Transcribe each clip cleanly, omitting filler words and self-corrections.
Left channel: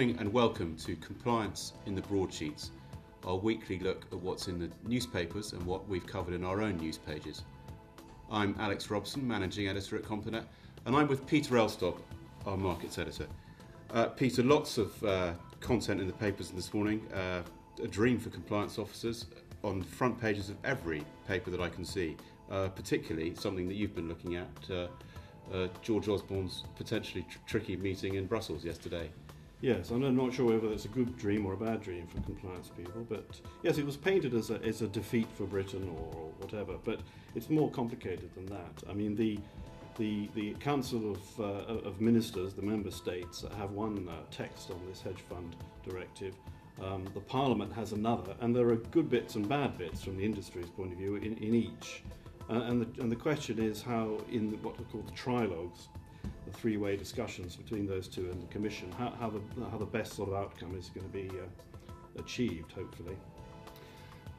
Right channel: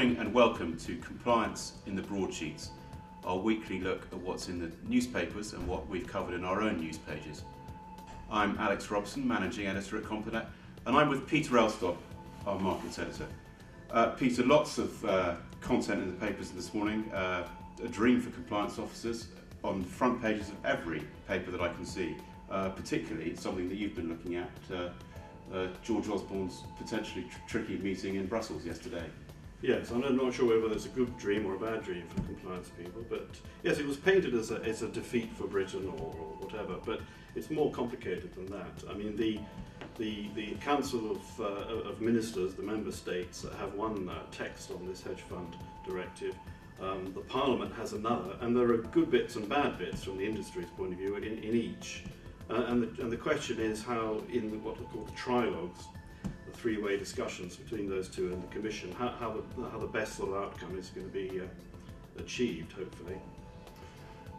morning and welcome to Compliance in the Broadsheets, our weekly look at what's in the newspapers and what we've covered in our own news pages. I'm Alex Robson, Managing Editor at Complinet, and I'm with Peter Elstob, our Markets Editor. Peter, lots of content in the papers this morning, a dream for compliance officers on the front pages of every paper that I can see, particularly something that you've been looking at, George Osborne's potentially tricky meeting in Brussels yesterday. Yes, I'm not sure whether it's a good dream or a bad dream for compliance people, but yes, it was painted as a defeat for Britain or whatever, but it's more complicated than that. I mean, the Council of Ministers, the member states, have one text on this hedge fund directive. The Parliament has another, and there are good bits and bad bits from the industry's point of view in each. And the question is how, in what are called the trilogues, the three-way discussions between those two and the Commission, how the best sort of outcome is going to be achieved, hopefully.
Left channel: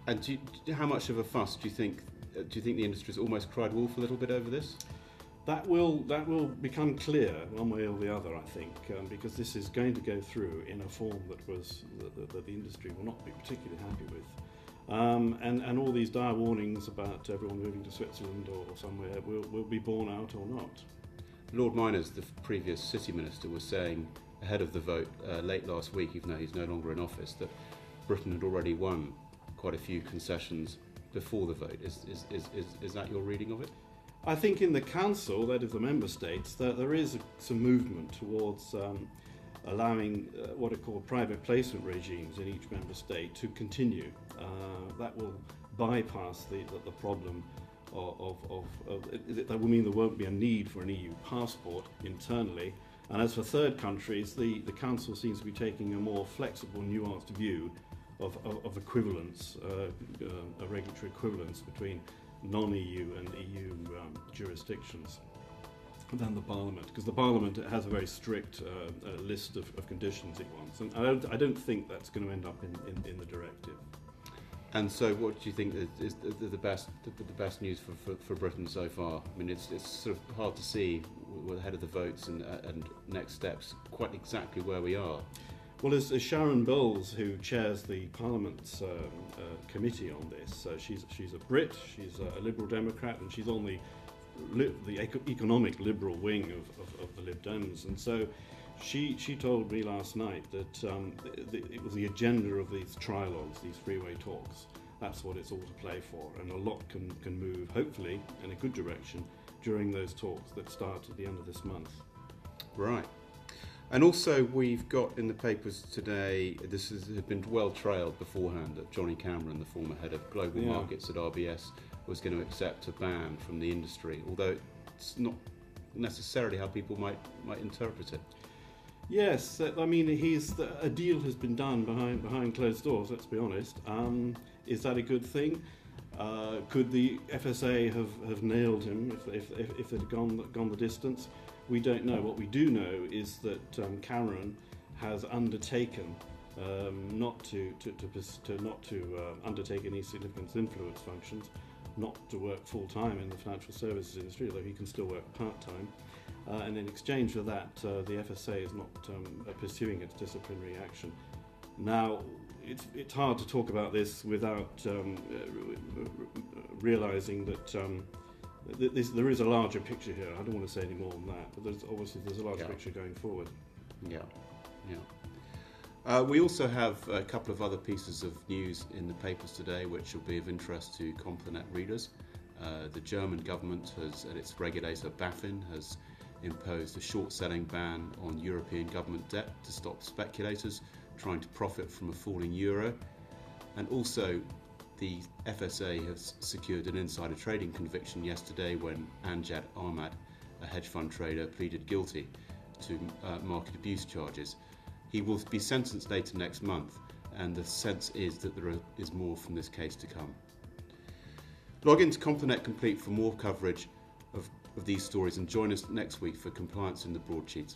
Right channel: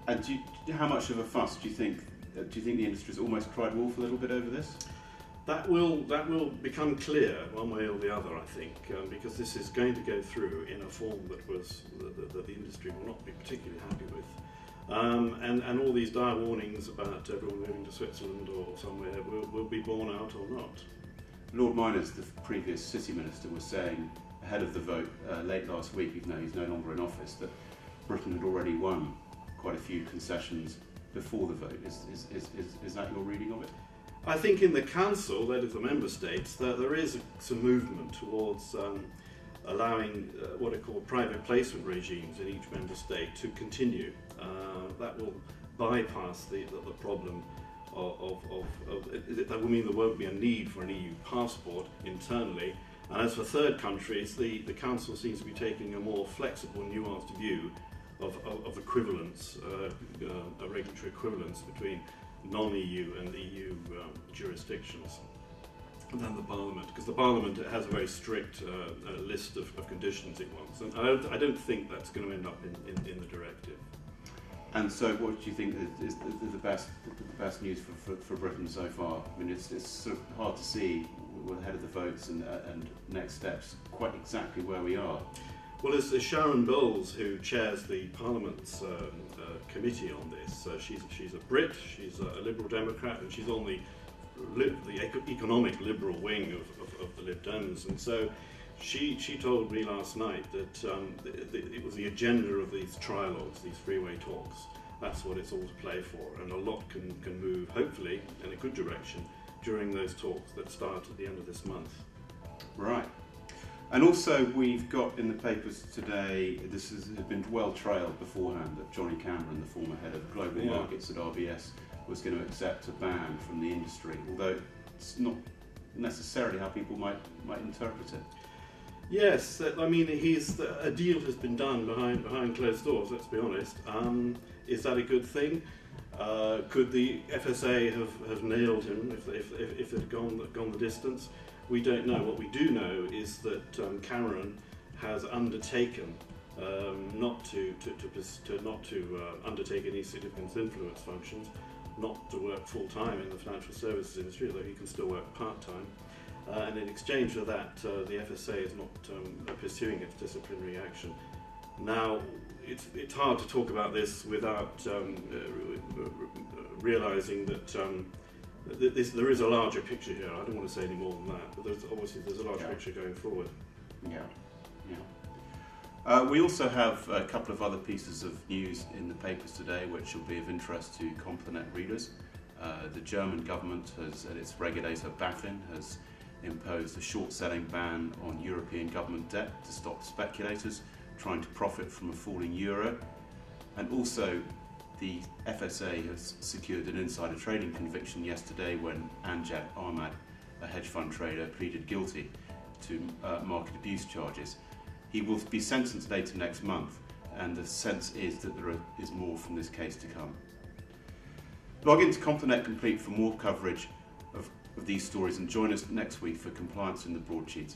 And how much of a fuss do you think the industry's almost cried wolf a little bit over this? That will become clear one way or the other, I think, because this is going to go through in a form that the industry will not be particularly happy with. And all these dire warnings about everyone moving to Switzerland or somewhere will be borne out or not. Lord Miners, the previous City Minister, was saying ahead of the vote late last week, even though he's no longer in office, that Britain had already won quite a few concessions before the vote. Is that your reading of it? I think in the Council, that is the Member States, there is some movement towards allowing what are called private placement regimes in each Member State to continue. That will bypass the problem that will mean there won't be a need for an EU passport internally. And as for third countries, the Council seems to be taking a more flexible, nuanced view of equivalence, a regulatory equivalence between non-EU and EU jurisdictions than the Parliament, because the Parliament has a very strict list of conditions it wants, and I don't think that's going to end up in the directive. And so, what do you think is the best news for Britain so far? I mean, it's sort of hard to see ahead of the votes and next steps quite exactly where we are. Well, as Sharon Bowles, who chairs the Parliament's committee on this, she's a Brit, she's a Liberal Democrat, and she's on the economic Liberal wing of the Lib Dems, and so she told me last night that it was the agenda of these trilogues, these three-way talks. That's what it's all to play for, and a lot can move, hopefully, in a good direction during those talks that start at the end of this month. Right. And also we've got in the papers today, this has been well trailed beforehand, that Johnny Cameron, the former head of global markets at RBS, was going to accept a ban from the industry, although it's not necessarily how people might interpret it. Yes, I mean, a deal has been done behind closed doors, let's be honest. Is that a good thing? Could the FSA have nailed him if they'd gone the distance? We don't know. What we do know is that Cameron has undertaken not to undertake any significant influence functions, not to work full-time in the financial services industry, although he can still work part-time. And in exchange for that, the FSA is not pursuing its disciplinary action. Now, it's hard to talk about this without realising that there is a larger picture here. I don't want to say any more than that, but there's a larger picture going forward. We also have a couple of other pieces of news in the papers today which will be of interest to Complinet readers. The German government at its regulator BaFin, has imposed a short-selling ban on European government debt to stop speculators trying to profit from a falling euro. And also the FSA has secured an insider trading conviction yesterday when Anjat Ahmad, a hedge fund trader, pleaded guilty to market abuse charges. He will be sentenced later next month, and the sense is that there is more from this case to come. Log into Complinet Complete for more coverage of these stories and join us next week for Compliance in the Broadsheets.